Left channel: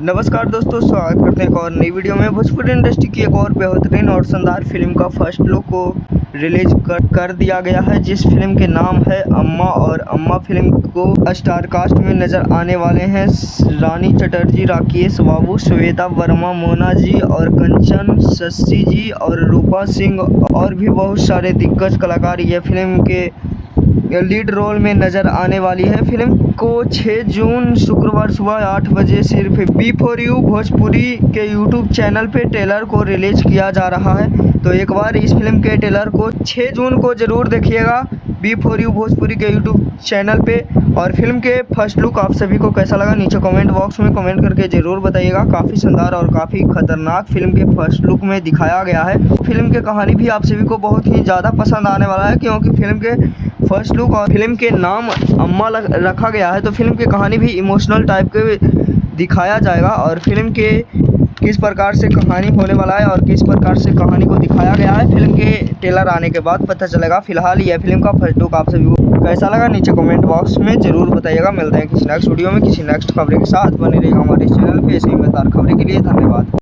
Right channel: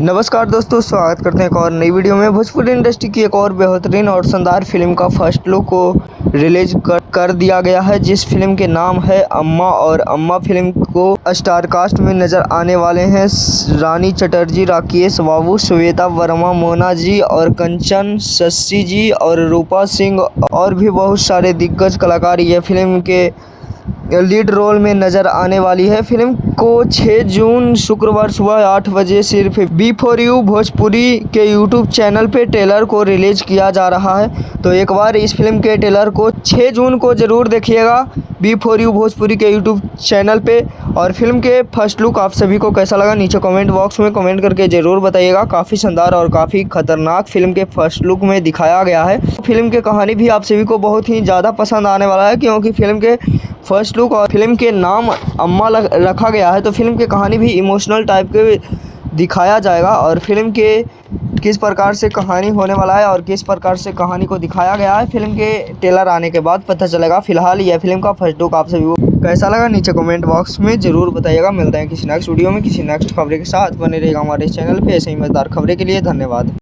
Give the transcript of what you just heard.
नमस्कार दोस्तों, स्वागत करते हैं एक और नई वीडियो में। भोजपुरी इंडस्ट्री की एक और बेहतरीन और शानदार फिल्म का फर्स्ट लुक को रिलीज कर दिया गया है, जिस फिल्म के नाम है अम्मा। और अम्मा फिल्म को स्टार कास्ट में नज़र आने वाले हैं रानी चटर्जी, राकेश बाबू, श्वेता वर्मा, मोना जी और कंचन, शशि जी और रूपा सिंह और भी बहुत सारे दिग्गज कलाकार ये फिल्म के लीड रोल में नज़र आने वाली है। फिल्म को 6 जून शुक्रवार सुबह 8 बजे सिर्फ बी4यू भोजपुरी के यूट्यूब चैनल पे ट्रेलर को रिलीज किया जा रहा है। तो एक बार इस फिल्म के ट्रेलर को 6 जून को ज़रूर देखिएगा बी4यू भोजपुरी के यूट्यूब चैनल पे। और फिल्म के फर्स्ट लुक आप सभी को कैसा लगा नीचे कमेंट बॉक्स में कमेंट करके ज़रूर बताइएगा। काफ़ी शानदार और काफ़ी खतरनाक फिल्म के फर्स्ट लुक में दिखाया गया है। फिल्म की कहानी भी आप सभी को बहुत ही ज़्यादा पसंद आने वाला है, क्योंकि फिल्म के फर्स्ट लुक और फिल्म के नाम अम्मा रखा गया है। तो फिल्म की कहानी भी इमोशनल टाइप के दिखाया जाएगा। और फिल्म के किस प्रकार से कहानी होने वाला है और किस प्रकार से कहानी को दिखाया गया है, फिल्म के ट्रेलर आने के बाद पता चलेगा। फिलहाल यह फिल्म का फर्स्ट लुक आप सभी को कैसा लगा नीचे कमेंट बॉक्स में ज़रूर बताइएगा। मिलते हैं किसी नेक्स्ट वीडियो में किसी नेक्स्ट खबरें के साथ। बने रहेगा हमारे चैनल पे ऐसे ही मज़ेदार खबरें के लिए। धन्यवाद।